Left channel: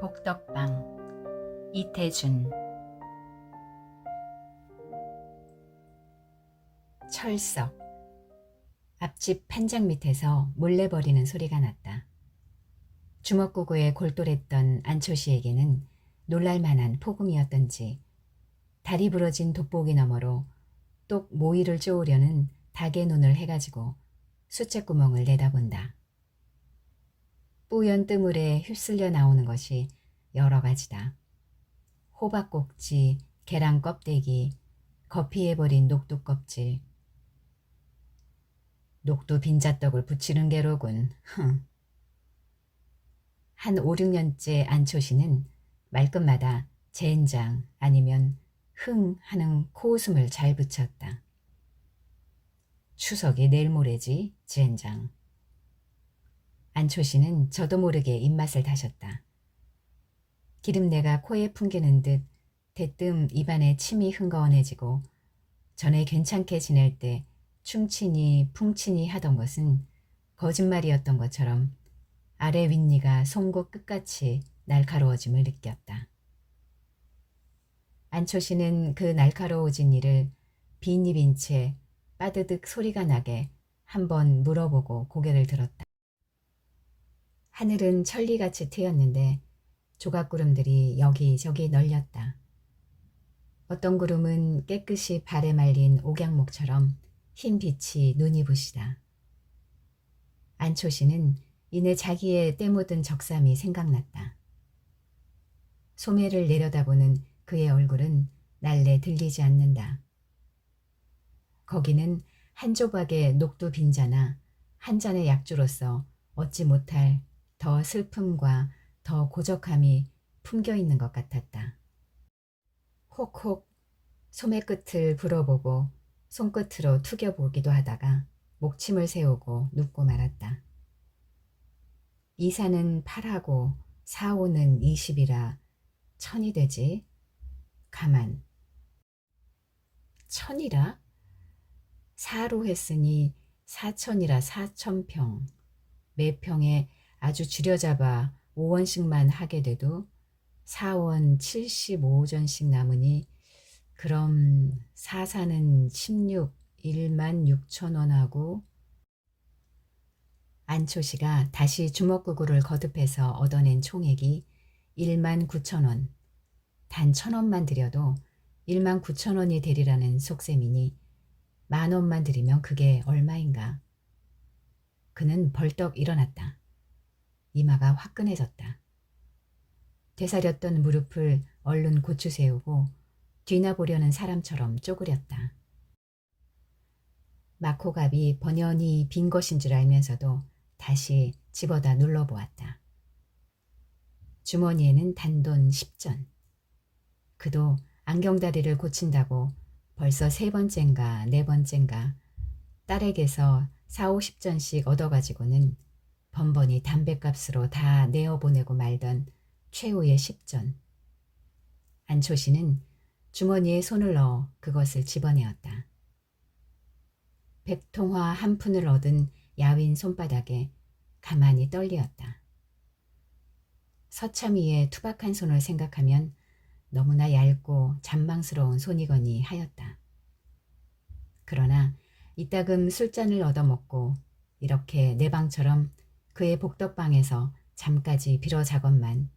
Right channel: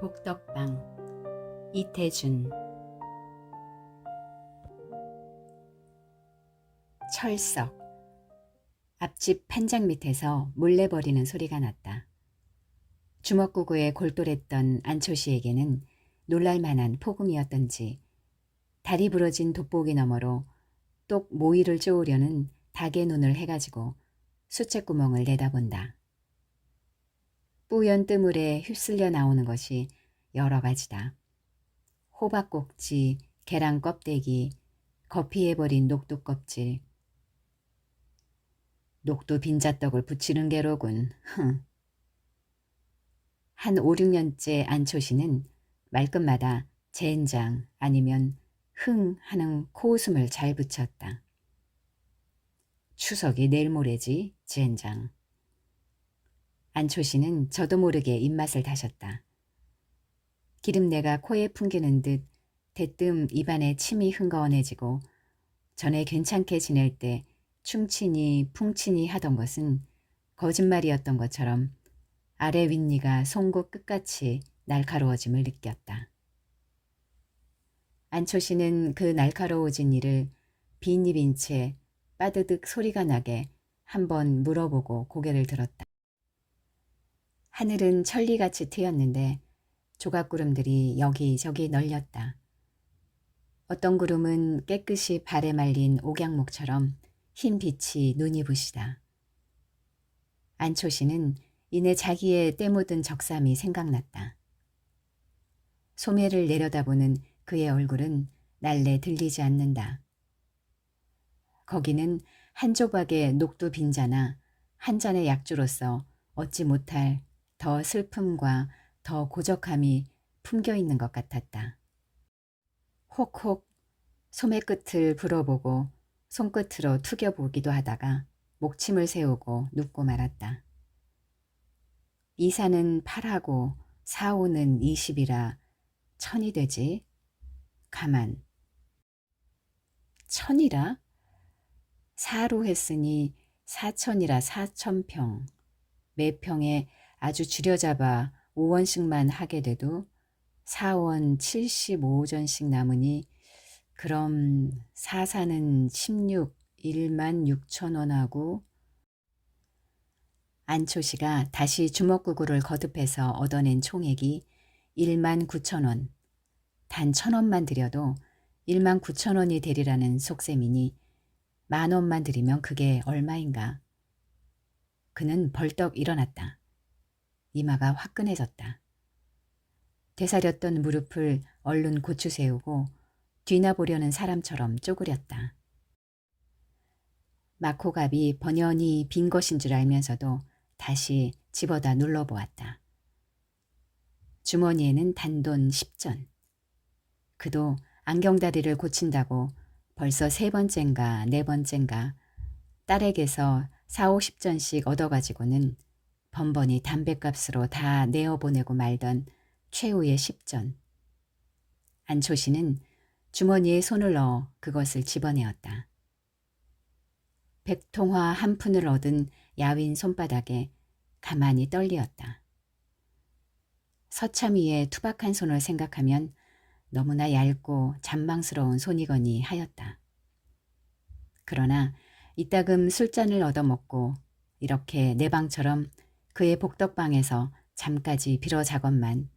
복덕방 이태준. 철석. 앞집 판장 밑에서 몰래 버리는 소리가 났다. 주먹구구에 골똘했던 안초시에게는 놀랄만한 폭음이었던지 다리 부러진 돋보기 너머로 똑 모이를 쪼으려는 닭의 눈을 해가지고 수채구멍을 내다본다. 뿌연 뜨물에 휩쓸려 나오는 것이 여러 가지다. 호박꼭지, 계란 껍데기, 거피해버린 녹두 껍질. 녹두 빈자떡을 부치는 게로군. 한 5, 6년째 안초시는 말끝마다 젠장 아니면 흥 하는 코웃음을 잘 붙였다. 추석이 내일 모레지, 젠장. 안초시는 저도 모르게 입맛을 다셨다. 기름내가 코에 풍기는 듯 대뜸 입안에 침이 흥건해지고 전에 괜찮게 지낼 때 충치니 풍치니 하던 것은 거짓말이었던 것처럼 아래 윗니가 송곳 끝같이 날카로워짐을 느꼈다. 안초시는 그 날카로워진 이를 빈 입인 채 빠드득 소리가 나게 한번 물어보고 고개를 들었다. 하늘은 천리같이 트였는데 조각구름들이 여기저기 널렸다. 어떤 구름은 깨끗이 발에 말린 옥양목처럼 흰 빛이 눈이 부시다. 안초시는 이내 자기의 때묻은 적삼이 생각났다. 소매를 내려다보는 그의 얼굴은 날래 들리지 않는다. 거기는 한 조각의 녹두 빈자나 한 잔의 약주로서 얻지 못할 더 슬픔과 더 고적함이 품겨 있는 것 같았다. 혹혹 소매 끝을 불어보고 손끝으로 투겨보기도 하다가 목침을 세우고 눕고 말았다. 이사는 8하고 4호는 20이라 1000이 되지. 가만. 1000이라? 4로 했으니 4000이라 4000평. 매 평에 아주 줄여잡아 5원씩만 하게 돼도 4원 75전씩 남으니 그럼 4사는 16, 16,000원하고. 안초시가 다시 주먹구구를 거듭해서 얻어낸 총액이 19,000원. 단 1,000원만 들여도 19,000원이 되리라는 속셈이니 10,000원만 들이면 그게 얼마인가. 그는 벌떡 일어났다. 이마가 화끈해졌다. 되사렸던 무릎을 얼른 고추 세우고 뒤나보려는 사람처럼 쪼그렸다. 마코갑이 번연히 빈 것인 줄 알면서도 다시 집어다 눌러보았다. 주머니에는 단돈 10전. 그도 안경다리를 고친다고 벌써 3번째인가 4번째인가 딸에게서 4, 50전씩 얻어가지고는 번번이 담뱃값으로 다 내어보내고 말던 최후의 10전. 안초시는 주머니에 손을 넣어 그것을 집어내었다. 백통화 한 푼을 얻은 야윈 손바닥에 가만히 떨리었다. 서참이의 투박한 손을 생각하면 너무나 얇고 잔망스러운 손이거니 하였다. 그러나 이따금 술잔을 얻어먹고 이렇게 내 방처럼 그의 복덕방에서 잠까지 빌어자건만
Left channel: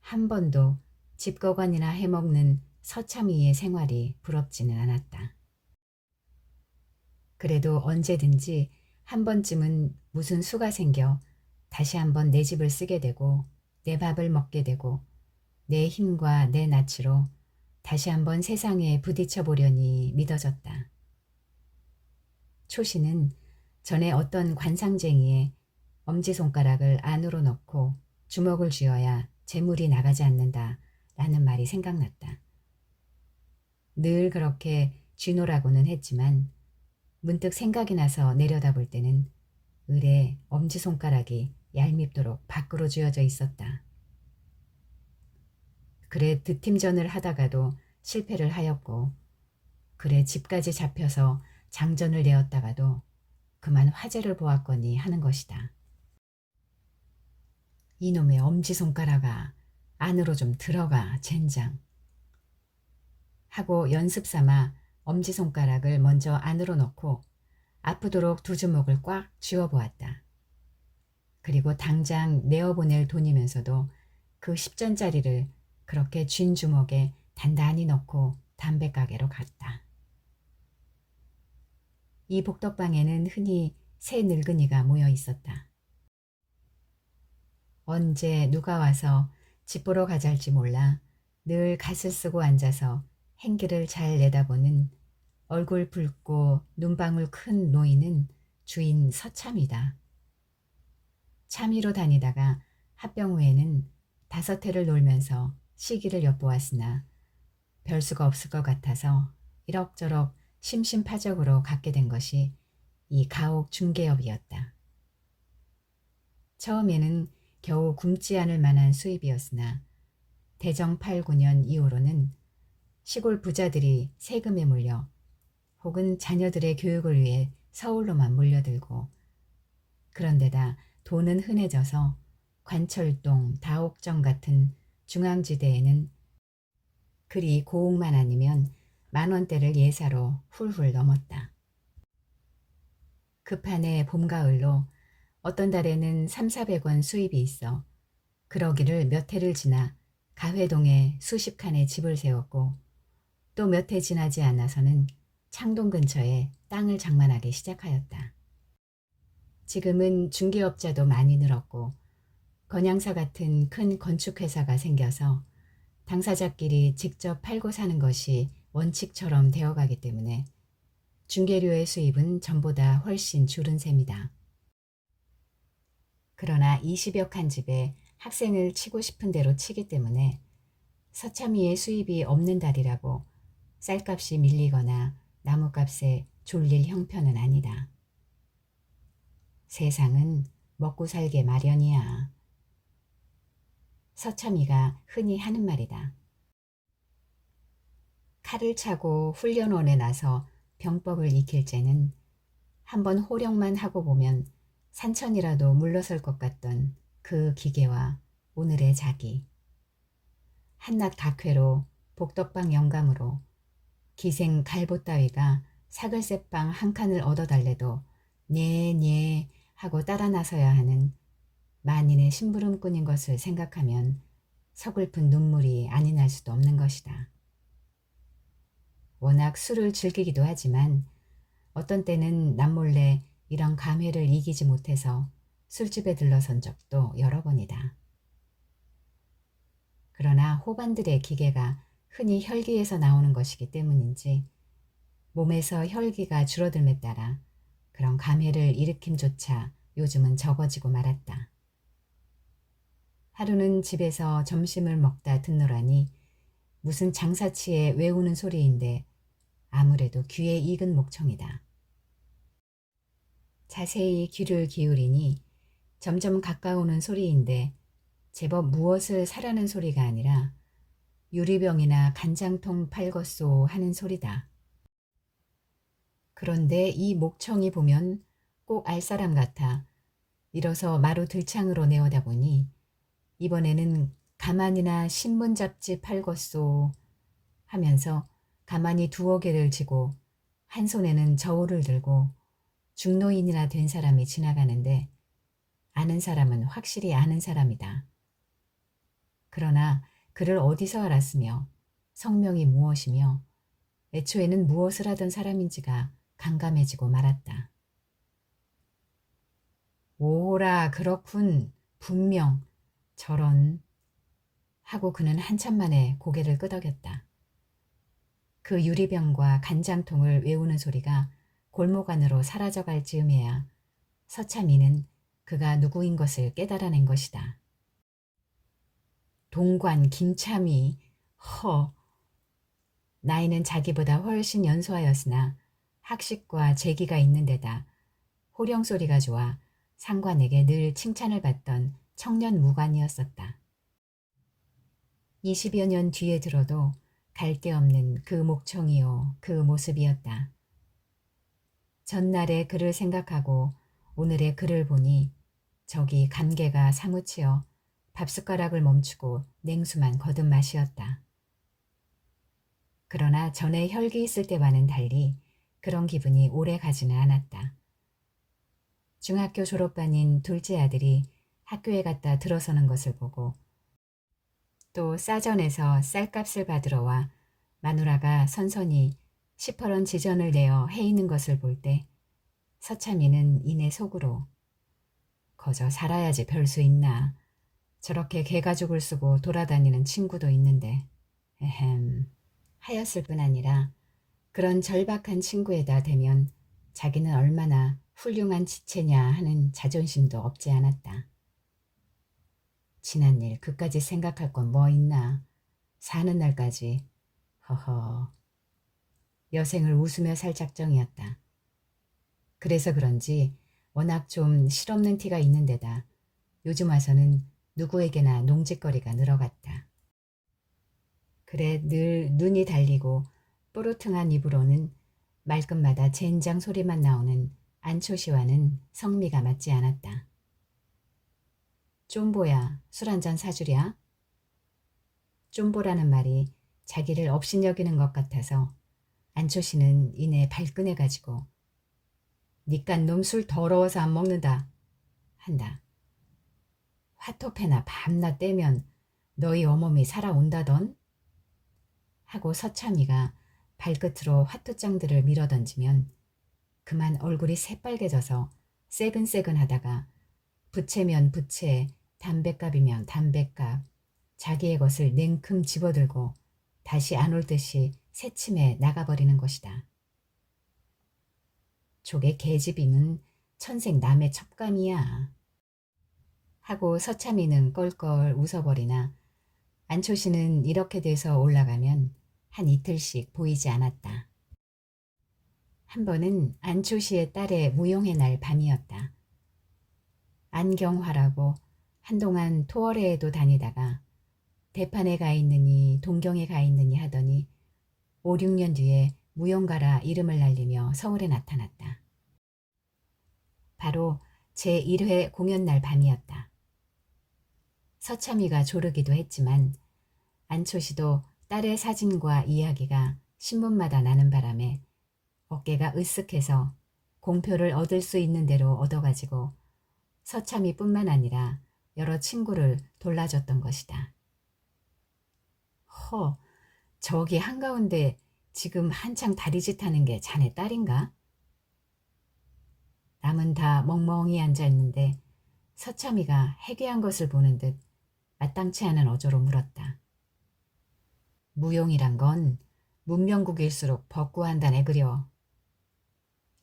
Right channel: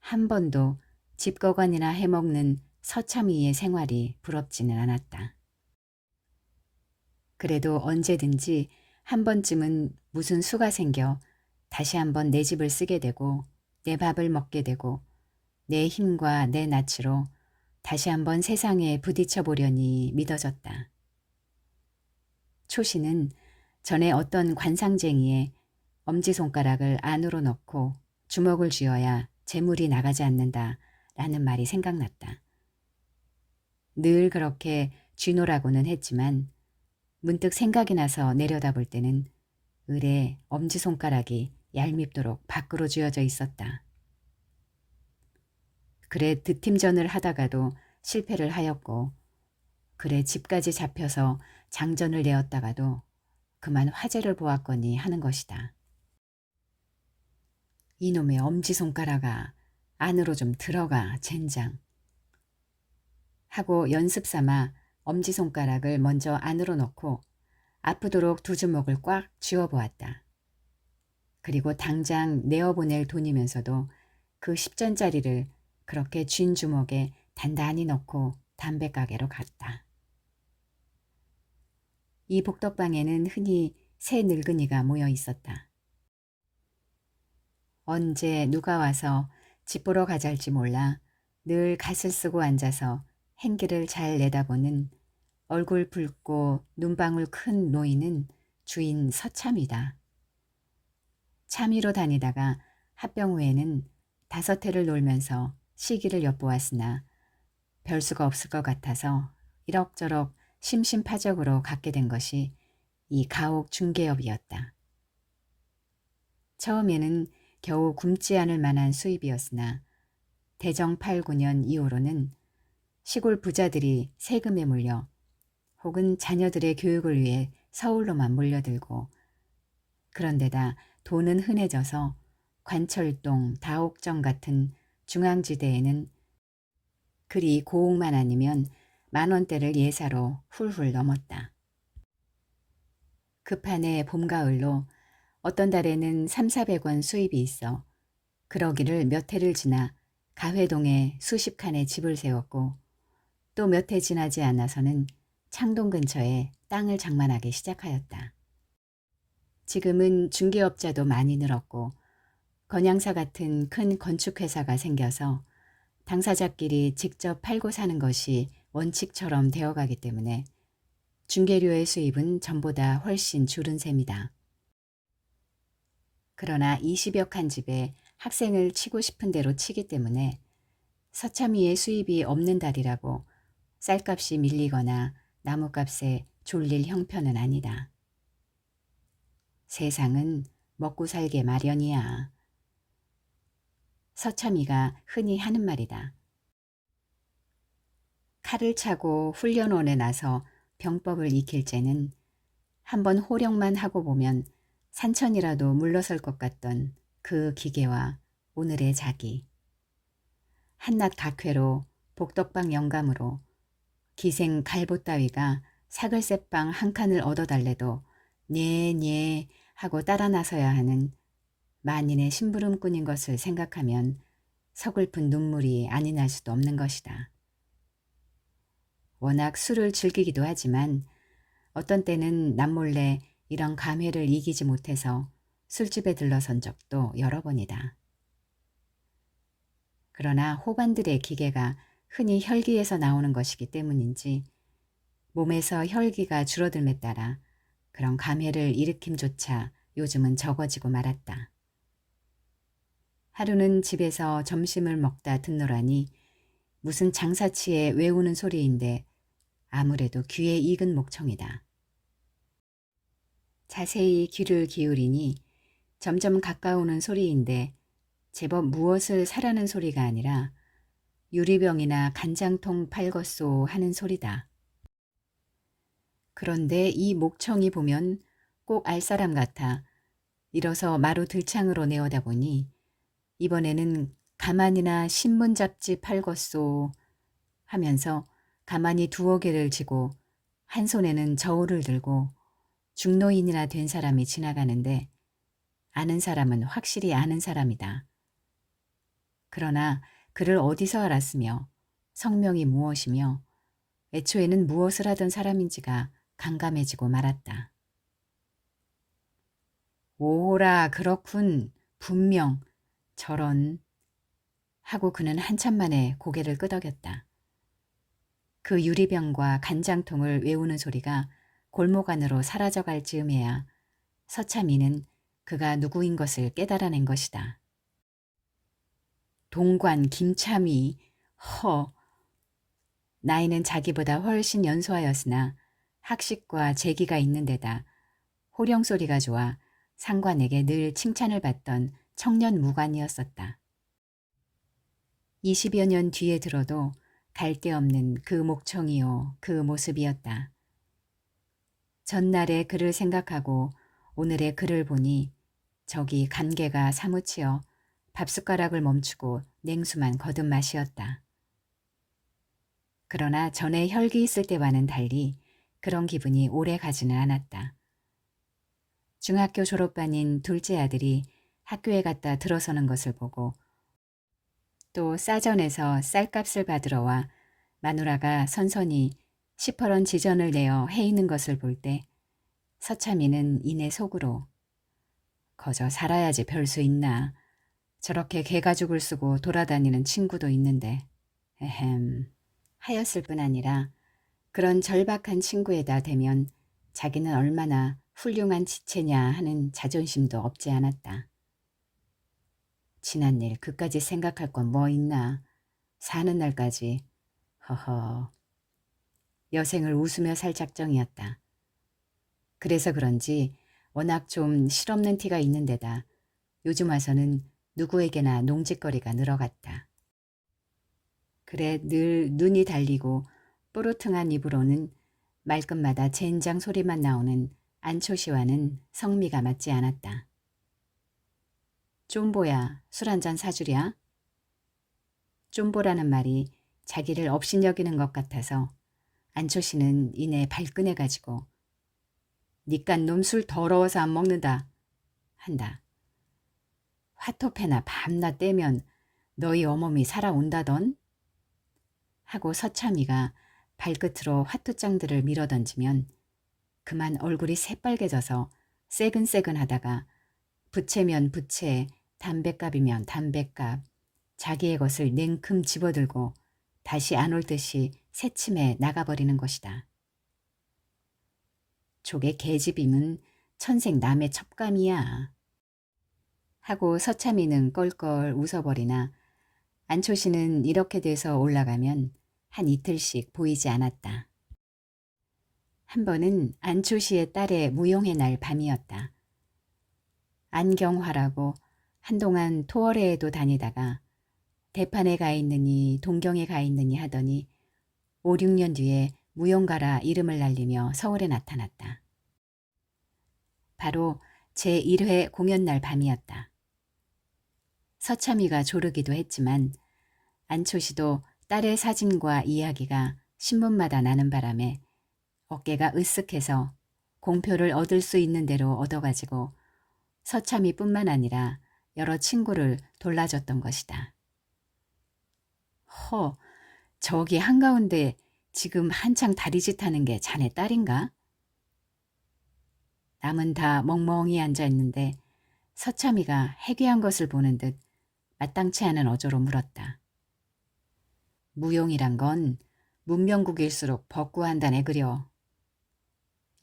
한 번도 집거관이나 해먹는 서참이의 생활이 부럽지는 않았다. 그래도 언제든지 한 번쯤은 무슨 수가 생겨 다시 한번 내 집을 쓰게 되고 내 밥을 먹게 되고 내 힘과 내 낯으로 다시 한번 세상에 부딪혀 보려니 믿어졌다. 초시는 전에 어떤 관상쟁이에 엄지손가락을 안으로 넣고 주먹을 쥐어야 재물이 나가지 않는다 라는 말이 생각났다. 늘 그렇게 쥐노라고는 했지만 문득 생각이 나서 내려다볼 때는 을에 엄지손가락이 얄밉도록 밖으로 쥐어져 있었다. 그래 득팀전을 하다가도 실패를 하였고 그래 집까지 잡혀서 장전을 내었다가도 그만 화제를 보았거니 하는 것이다. 이놈의 엄지손가락아, 안으로 좀 들어가, 젠장. 하고 연습 삼아 엄지손가락을 먼저 안으로 넣고 아프도록 두 주먹을 꽉 쥐어보았다. 그리고 당장 내어보낼 돈이면서도 그 10전짜리를 그렇게 쥔 주먹에 단단히 넣고 담배가게로 갔다. 이 복덕방에는 흔히 세 늙은이가 모여 있었다. 언제 누가 와서 집 보러 가잘지 몰라 늘 갓을 쓰고 앉아서 행기를 잘 내다보는 얼굴 붉고 눈방울 큰 노인은 주인 서참이다. 참이로 다니다가 합병 후에는 5해를 놀면서 시기를 엿보았으나 별 수가 없을 것 같아서 이럭저럭 심심파적으로 갖게 된 것이 이 가옥 중개업이었다. 처음에는 겨우 굶지 않을 만한 수입이었으나 대정 8, 9년 이후로는 시골 부자들이 세금에 물려 혹은 자녀들의 교육을 위해 서울로만 몰려들고 그런데다 돈은 흔해져서 관철동, 다옥정 같은 중앙지대에는 그리 고옥만 아니면 10,000원대를 예사로 훌훌 넘었다. 급한해 봄가을로 어떤 달에는 300~400원 수입이 있어 그러기를 몇 해를 지나 가회동에 수십 칸의 집을 세웠고 또 몇 해 지나지 않아서는 창동 근처에 땅을 장만하기 시작하였다. 지금은 중개업자도 많이 늘었고 건양사 같은 큰 건축회사가 생겨서 당사자끼리 직접 팔고 사는 것이 원칙처럼 되어가기 때문에 중개료의 수입은 전보다 훨씬 줄은 셈이다. 그러나 20여 칸 집에 학생을 치고 싶은 대로 치기 때문에 서참이의 수입이 없는 달이라고 쌀값이 밀리거나 나무값에 졸릴 형편은 아니다. 세상은 먹고 살게 마련이야. 서참이가 흔히 하는 말이다. 칼을 차고 훈련원에 나서 병법을 익힐 째는 한번 호령만 하고 보면 산천이라도 물러설 것 같던 그 기계와 오늘의 자기. 한낱 각회로 복덕방 영감으로 기생 갈보 따위가 사글새빵 한 칸을 얻어달래도 네 하고 따라 나서야 하는 만인의 심부름꾼인 것을 생각하면 서글픈 눈물이 아니 날 수도 없는 것이다. 워낙 술을 즐기기도 하지만 어떤 때는 남몰래 이런 감회를 이기지 못해서 술집에 들러선 적도 여러 번이다. 그러나 호반들의 기계가 흔히 혈기에서 나오는 것이기 때문인지 몸에서 혈기가 줄어듦에 따라 그런 감회를 일으킴조차 요즘은 적어지고 말았다. 하루는 집에서 점심을 먹다 듣노라니 무슨 장사치에 외우는 소리인데 아무래도 귀에 익은 목청이다. 자세히 귀를 기울이니 점점 가까우는 소리인데 제법 무엇을 사라는 소리가 아니라 유리병이나 간장통 팔겄소 하는 소리다. 그런데 이 목청이 보면 꼭 알 사람 같아 일어서 마루 들창으로 내어다 보니 이번에는 가만이나 신문 잡지 팔겄소 하면서 가만히 두어 개를 쥐고 한 손에는 저울을 들고 중노인이나 된 사람이 지나가는데 아는 사람은 확실히 아는 사람이다. 그러나 그를 어디서 알았으며 성명이 무엇이며 애초에는 무엇을 하던 사람인지가 간감해지고 말았다. 오라 그렇군 분명 저런 하고 그는 한참 만에 고개를 끄덕였다. 그 유리병과 간장통을 외우는 소리가 골목 안으로 사라져갈 즈음에야 서참이는 그가 누구인 것을 깨달아낸 것이다. 동관 김참이 허 나이는 자기보다 훨씬 연소하였으나 학식과 재기가 있는 데다 호령 소리가 좋아 상관에게 늘 칭찬을 받던 청년 무관이었었다. 20여 년 뒤에 들어도 갈 데 없는 그 목청이요 그 모습이었다. 전날의 그를 생각하고 오늘의 그를 보니 저기 간개가 사무치어 밥숟가락을 멈추고 냉수만 거듭 마시었다. 그러나 전에 혈기 있을 때와는 달리 그런 기분이 오래 가지는 않았다. 중학교 졸업반인 둘째 아들이 학교에 갔다 들어서는 것을 보고 또 싸전에서 쌀값을 받으러 와 마누라가 선선히 시퍼런 지전을 내어 해 있는 것을 볼 때 서참이는 이내 속으로 거저 살아야지 별 수 있나. 저렇게 개가죽을 쓰고 돌아다니는 친구도 있는데 에헴 하였을 뿐 아니라 그런 절박한 친구에다 대면 자기는 얼마나 훌륭한 지체냐 하는 자존심도 없지 않았다. 지난 일 그까지 생각할 건 뭐 있나. 사는 날까지. 허허. 여생을 웃으며 살 작정이었다. 그래서 그런지 워낙 좀 실없는 티가 있는 데다 요즘 와서는 누구에게나 농짓거리가 늘어갔다. 그래 늘 눈이 달리고 뽀르퉁한 입으로는 말끝마다 젠장 소리만 나오는 안초시와는 성미가 맞지 않았다. 쫌보야, 술 한잔 사주랴? 쫌보라는 말이 자기를 업신여기는 것 같아서 안초시는 이내 발끈해가지고 니깐 놈 술 더러워서 안 먹는다 한다. 화토패나 밤낮 떼면 너희 어멈이 살아온다던? 하고 서참이가 발끝으로 화투장들을 밀어던지면 그만 얼굴이 새빨개져서 새근새근하다가 부채면 부채, 담뱃값이면 담뱃값, 자기의 것을 냉큼 집어들고 다시 안 올 듯이 새침해 나가버리는 것이다. 족의 계집임은 천생 남의 첩감이야. 하고 서참이는 껄껄 웃어버리나 안초시는 이렇게 돼서 올라가면 한 이틀씩 보이지 않았다. 한 번은 안초시의 딸의 무용의 날 밤이었다. 안경화라고 한동안 토월회에도 다니다가 대판에 가 있느니 동경에 가 있느니 하더니 5, 6년 뒤에 무용가라 이름을 날리며 서울에 나타났다. 바로 제1회 공연날 밤이었다. 서참이가 조르기도 했지만 안초시도 딸의 사진과 이야기가 신문마다 나는 바람에 어깨가 으쓱해서 공표를 얻을 수 있는 대로 얻어가지고 서참이뿐만 아니라 여러 친구를 돌라줬던 것이다. 허, 저기 한가운데 지금 한창 다리짓 하는 게 자네 딸인가? 남은 다 멍멍이 앉아있는데 서참이가 해괴한 것을 보는 듯 마땅치 않은 어조로 물었다. 무용이란 건 문명국일수록 벗구한다네 그려.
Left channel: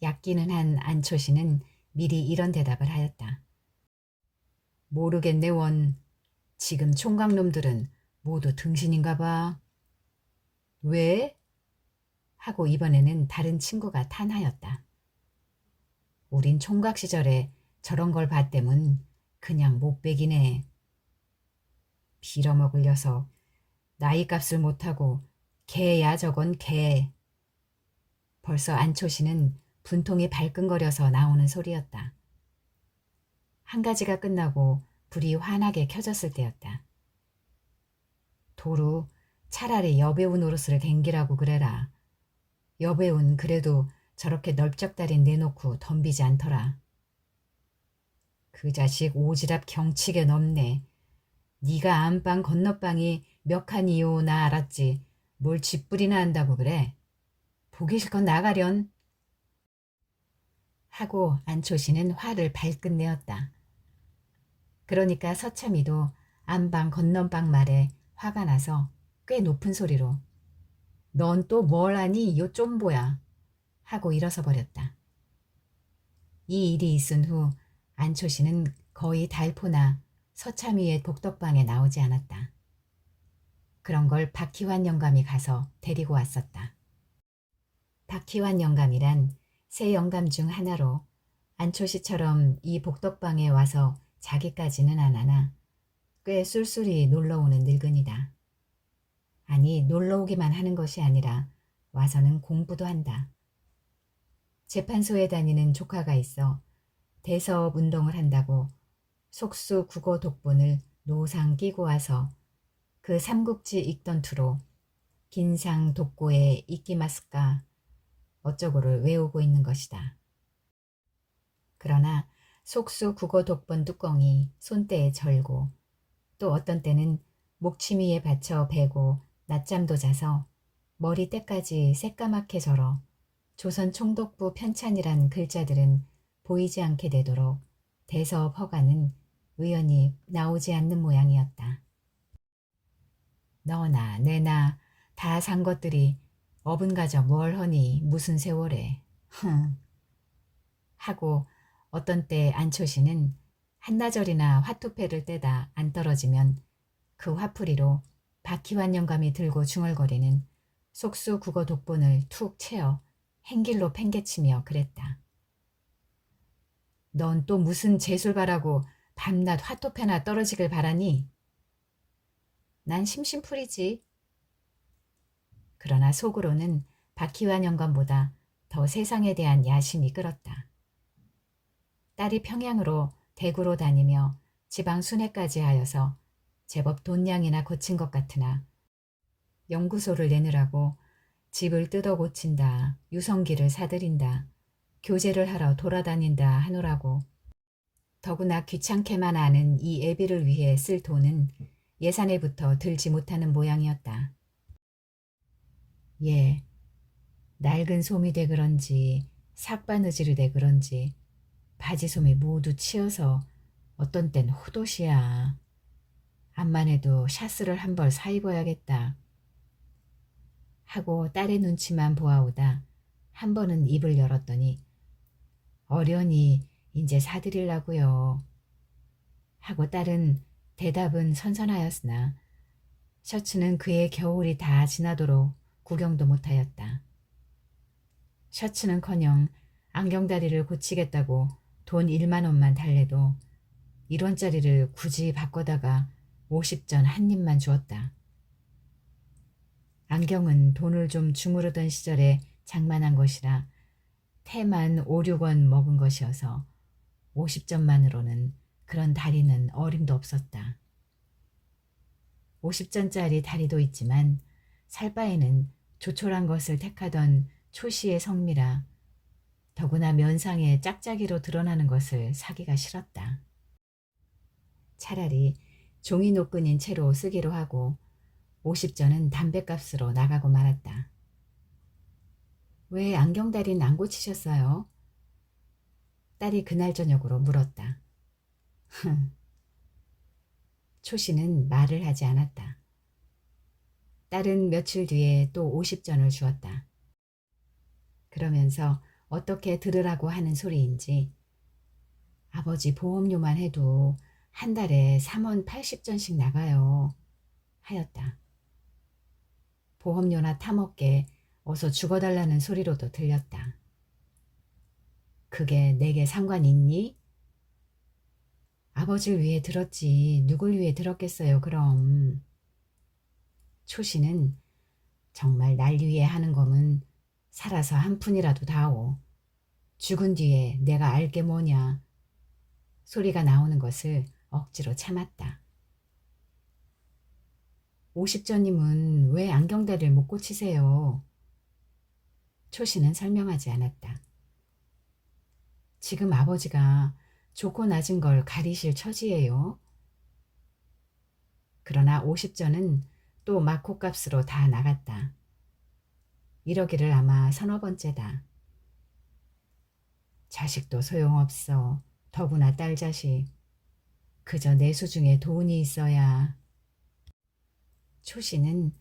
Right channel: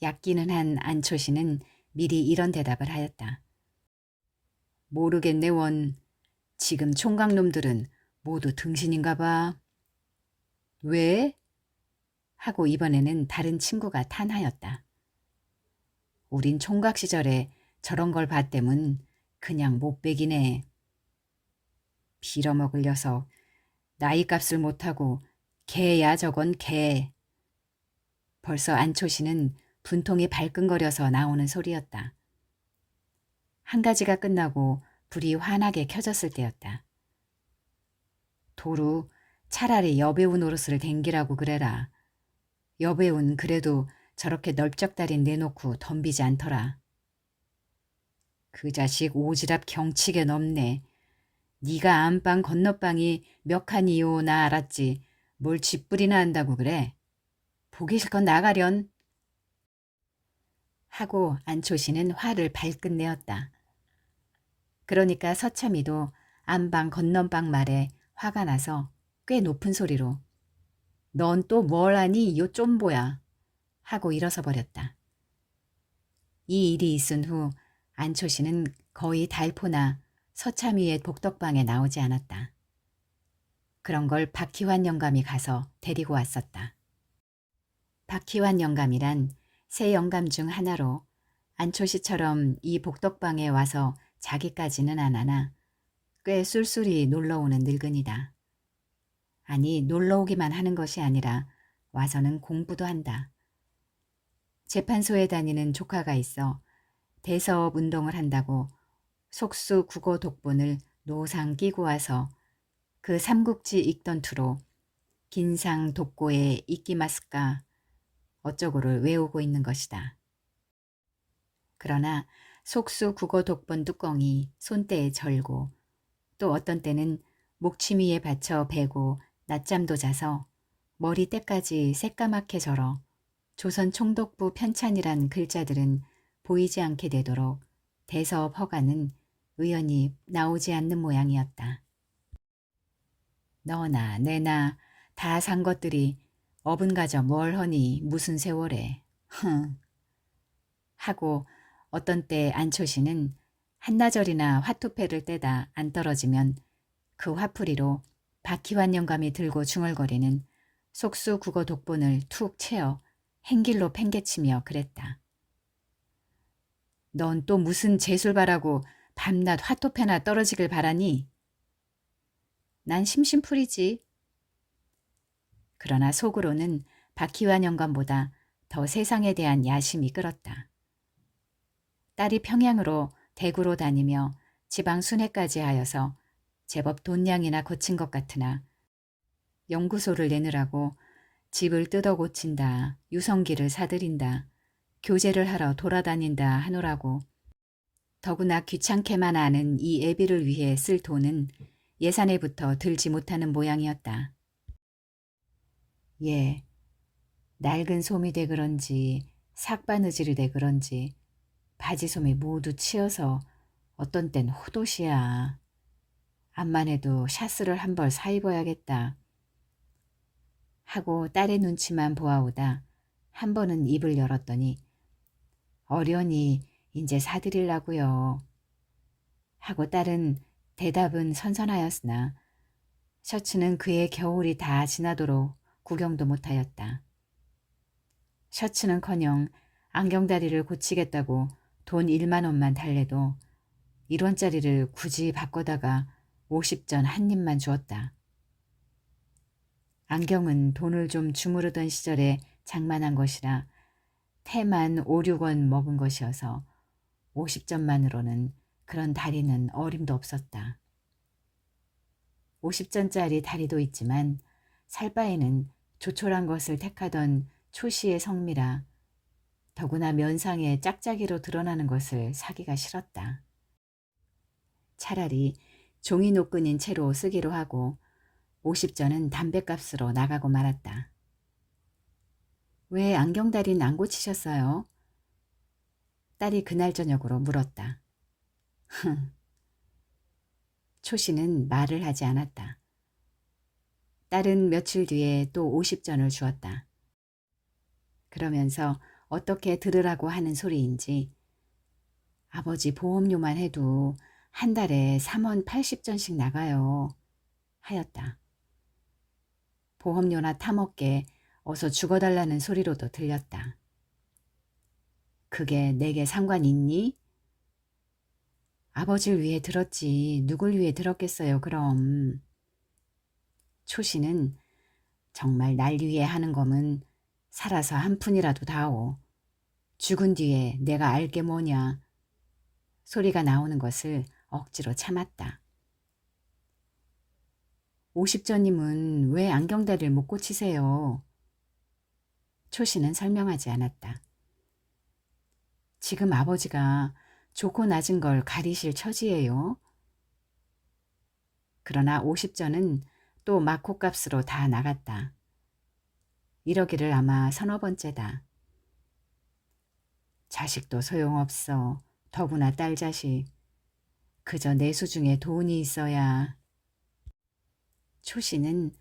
얕기는 한 안초시는 미리 이런 대답을 하였다. 모르겠네 원. 지금 총각놈들은 모두 등신인가 봐. 왜? 하고 이번에는 다른 친구가 탄하였다. 우린 총각 시절에 저런 걸 봤대문 그냥 못배기네. 빌어먹을 녀석. 나이값을 못하고 개야 저건 개. 벌써 안초시는 분통이 발끈거려서 나오는 소리였다. 한 가지가 끝나고 불이 환하게 켜졌을 때였다. 도루 차라리 여배우 노릇을 댕기라고 그래라. 여배우는 그래도 저렇게 넓적다리 내놓고 덤비지 않더라. 그 자식 오지랖 경치게 넘네. 네가 안방 건너방이 몇 칸이요 나 알았지. 뭘 쥐뿔이나 한다고 그래. 보기 싫건 나가련. 하고 안초시는 화를 발끈 내었다. 그러니까 서참이도 안방 건넌방 말에 화가 나서 꽤 높은 소리로 넌 또 뭘 하니 요 쫌보야 하고 일어서 버렸다. 이 일이 있은 후 안초시는 거의 달포나 서참이의 복덕방에 나오지 않았다. 그런 걸 박희환 영감이 가서 데리고 왔었다. 박희환 영감이란 세 영감 중 하나로 안초시처럼 이 복덕방에 와서 자기까지는 안 하나 꽤 쏠쏠히 놀러오는 늙은이다. 아니 놀러오기만 하는 것이 아니라 와서는 공부도 한다. 재판소에 다니는 조카가 있어 대서업 운동을 한다고 속수 국어 독본을 노상 끼고 와서 그 삼국지 읽던 투로 긴상 독고의 이끼마스까 어쩌고를 외우고 있는 것이다. 그러나 속수 국어 독본 뚜껑이 손때에 절고 또 어떤 때는 목치미에 받쳐 베고 낮잠도 자서 머리때까지 새까맣게 절어 조선 총독부 편찬이란 글자들은 보이지 않게 되도록 대서업 허가는 의연히 나오지 않는 모양이었다. 너나 내나 다 산 것들이 어분가져 뭘 허니 무슨 세월에 흥 하고 어떤 때 안초시는 한나절이나 화투패를 떼다 안 떨어지면 그 화풀이로 박희환 영감이 들고 중얼거리는 속수 국어 독본을 툭 채어 행길로 팽개치며 그랬다. 넌 또 무슨 재술 바라고 밤낮 화투패나 떨어지길 바라니? 난 심심풀이지. 그러나 속으로는 박희환 영감보다 더 세상에 대한 야심이 끓었다. 딸이 평양으로 대구로 다니며 지방 순회까지 하여서 제법 돈량이나 거친 것 같으나 연구소를 내느라고 집을 뜯어 고친다, 유성기를 사들인다, 교제를 하러 돌아다닌다 하노라고 더구나 귀찮게만 아는 이 애비를 위해 쓸 돈은 예산에부터 들지 못하는 모양이었다. 예, 낡은 솜이 돼 그런지 삭바느질이 돼 그런지 바지솜이 모두 치여서 어떤 땐 호도시야. 암만 해도 샤스를 한 벌 사 입어야겠다. 하고 딸의 눈치만 보아오다 한 번은 입을 열었더니 어련히 이제 사드리려고요. 하고 딸은 대답은 선선하였으나 셔츠는 그의 겨울이 다 지나도록 구경도 못하였다. 셔츠는커녕 안경다리를 고치겠다고 돈 1만 원만 달래도 1원짜리를 굳이 바꿔다가 50전 한 입만 주었다. 안경은 돈을 좀 주무르던 시절에 장만한 것이라 태만 5, 6원 먹은 것이어서 50전만으로는 그런 다리는 어림도 없었다. 50전짜리 다리도 있지만 살 바에는 조촐한 것을 택하던 초시의 성미라 더구나 면상에 짝짝이로 드러나는 것을 사기가 싫었다. 차라리 종이 노끈인 채로 쓰기로 하고 50전은 담뱃값으로 나가고 말았다. 왜 안경다리는 안 고치셨어요? 딸이 그날 저녁으로 물었다. 흥. 초씨는 말을 하지 않았다. 딸은 며칠 뒤에 또 50전을 주었다. 그러면서 어떻게 들으라고 하는 소리인지 아버지 보험료만 해도 한 달에 3원 80전씩 나가요. 하였다. 보험료나 타먹게 어서 죽어달라는 소리로도 들렸다. 그게 내게 상관 있니? 아버지를 위해 들었지 누굴 위해 들었겠어요 그럼. 초씨는 정말 날 위해 하는 검은 살아서 한 푼이라도 다오. 죽은 뒤에 내가 알게 뭐냐. 소리가 나오는 것을 억지로 참았다. 50전님은 왜 안경다리를 못 고치세요? 초씨는 설명하지 않았다. 지금 아버지가 좋고 낮은 걸 가리실 처지예요. 그러나 50전은 또 막호값으로 다 나갔다. 이러기를 아마 서너 번째다. 자식도 소용없어. 더구나 딸 자식. 그저 내수 중에 돈이 있어야. 초씨는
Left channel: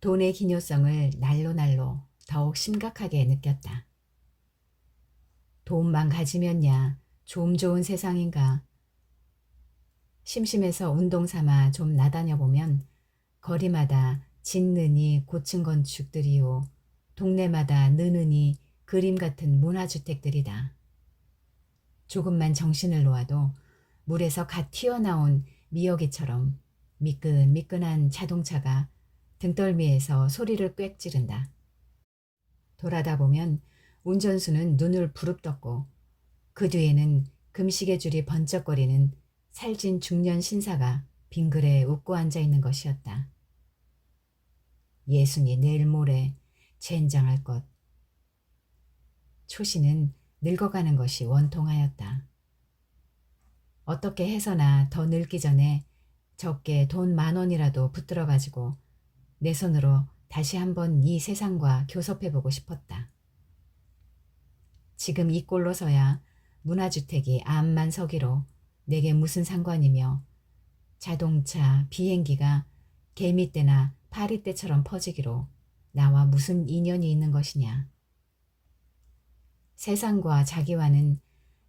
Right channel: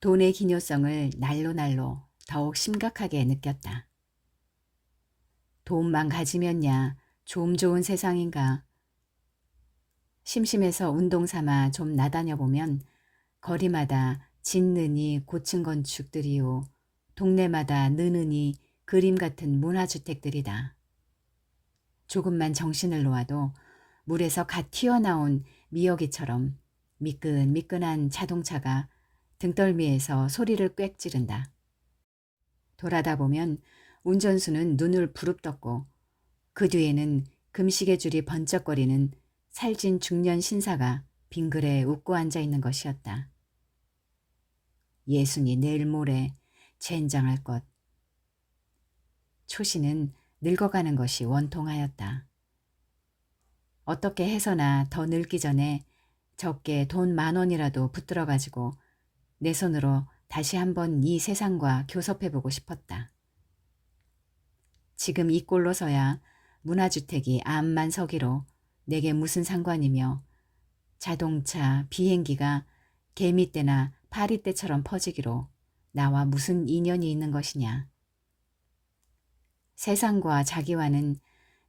돈의 기묘성을 날로 더욱 심각하게 느꼈다. 돈만 가지면야 좀 좋은 세상인가. 심심해서 운동 삼아 좀 나다녀 보면 거리마다 짓느니 고층 건축들이요. 동네마다 느느니 그림 같은 문화주택들이다. 조금만 정신을 놓아도 물에서 갓 튀어나온 미역이처럼 미끈미끈한 자동차가 등덜미에서 소리를 꽥 지른다. 돌아다 보면 운전수는 눈을 부릅떴고 그 뒤에는 금시계 줄이 번쩍거리는 살찐 중년 신사가 빙글에 웃고 앉아 있는 것이었다. 예순이 내일 모레 젠장할 것. 초씨는 늙어가는 것이 원통하였다. 어떻게 해서나 더 늙기 전에 적게 돈 10,000원이라도 붙들어 가지고 내 손으로 다시 한번 이 세상과 교섭해보고 싶었다. 지금 이 꼴로서야 문화주택이 암만 서기로 내게 무슨 상관이며 자동차, 비행기가 개미떼나 파리떼처럼 퍼지기로 나와 무슨 인연이 있는 것이냐. 세상과 자기와는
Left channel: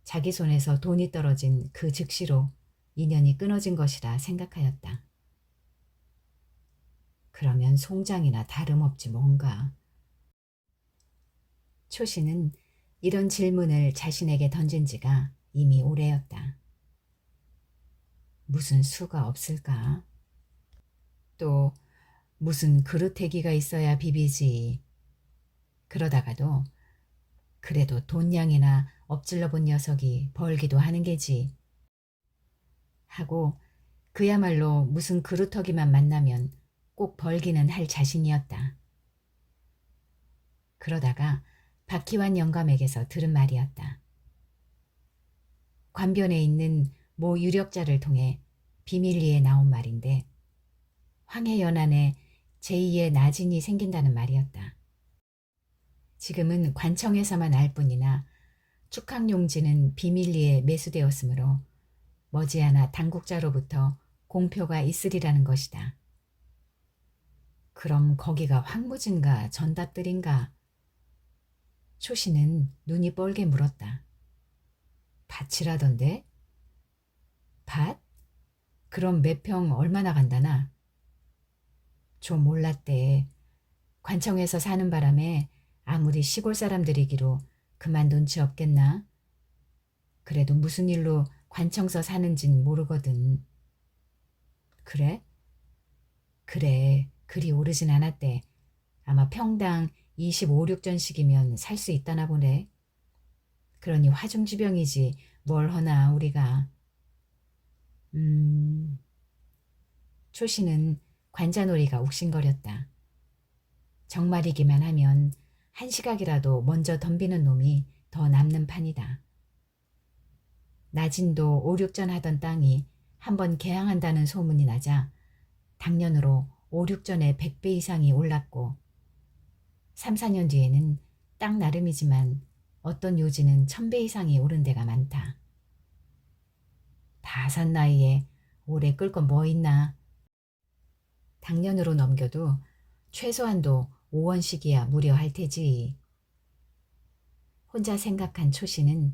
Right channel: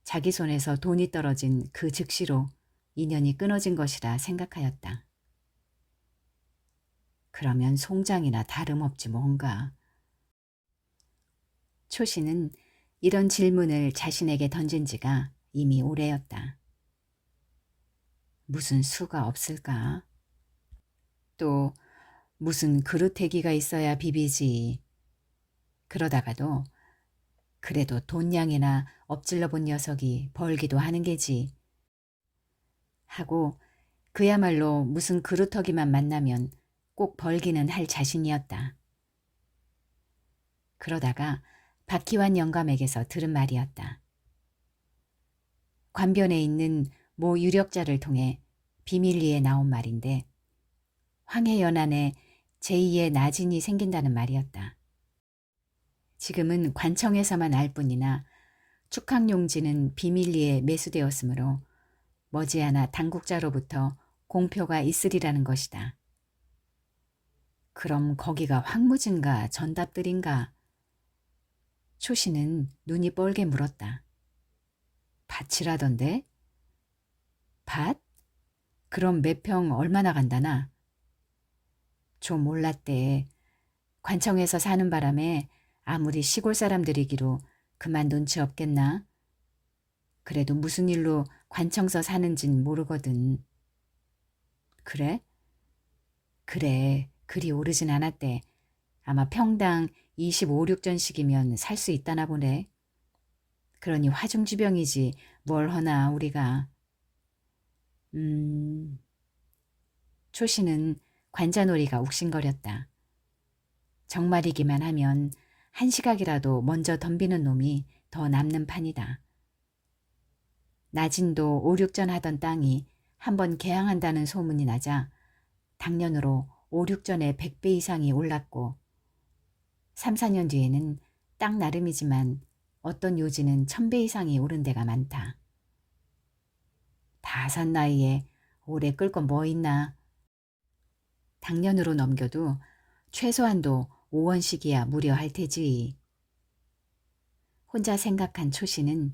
자기 손에서 돈이 떨어진 그 즉시로 인연이 끊어진 것이라 생각하였다. 그러면 송장이나 다름없지 뭔가. 초씨는 이런 질문을 자신에게 던진 지가 이미 오래였다. 무슨 수가 없을까? 또 무슨 그루태기가 있어야 비비지. 그러다가도 그래도 돈냥이나 엎질러 본 녀석이 벌기도 하는 게지. 하고 그야말로 무슨 그루터기만 만나면 꼭 벌기는 할 자신이었다. 그러다가 박희환 영감에게서 들은 말이었다. 관변에 있는 모 유력자를 통해 비밀리에 나온 말인데 황해연안에 제2의 나진이 생긴다는 말이었다. 지금은 관청에서만 알 뿐이나 축항용지는 비밀리에 매수되었으므로 머지않아 당국자로부터 공표가 있으리라는 것이다. 그럼 거기가 황무진가 전답들인가? 초씨는 눈이 뻘게 물었다. 밭이라던데? 밭? 그럼 몇 평 얼마나 간다나? 좀 몰랐대. 관청에서 사는 바람에 아무리 시골 사람들이기로 그만 눈치 없겠나? 그래도 무슨 일로 관청서 사는진 모르거든. 그래? 그래, 그리 오르진 않았대. 아마 평당 25, 6전씩이면 살 수 있다나 보네. 그러니 화중지병이지 뭘 허나 우리가. 초씨는 관자놀이가 욱신거렸다. 정말이기만 하면 한 시각이라도 먼저 덤비는 놈이 더 남는 판이다. 나진도 5, 6전 하던 땅이 한번 개항한다는 소문이 나자 당년으로 5, 6전에 100배 이상이 올랐고 3, 4년 뒤에는 땅 나름이지만 어떤 요지는 1000배 이상이 오른 데가 많다. 다 산 나이에 오래 끌 건 뭐 있나. 당년으로 넘겨도 최소한도 5원씩이야 무려할 테지. 혼자 생각한 초씨는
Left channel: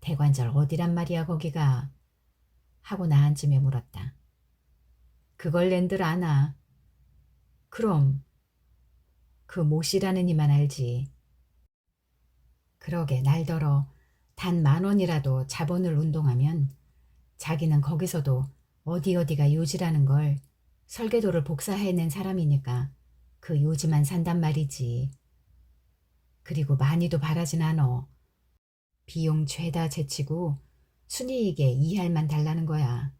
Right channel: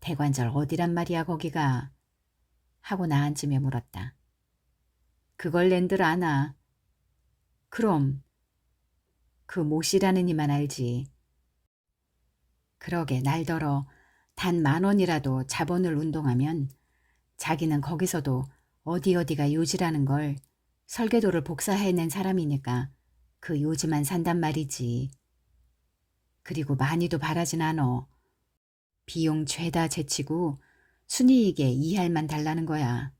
대관절 어디란 말이야 거기가? 하고 나한쯤에 물었다. 그걸 낸들 아나? 그럼 그 모씨라는 이만 알지. 그러게 날더러 단 10,000원이라도 자본을 운동하면 자기는 거기서도 어디가 요지라는 걸 설계도를 복사해낸 사람이니까 그 요지만 산단 말이지. 그리고 많이도 바라진 않어. 비용 죄다 제치고 순이익에 2할만 달라는 거야.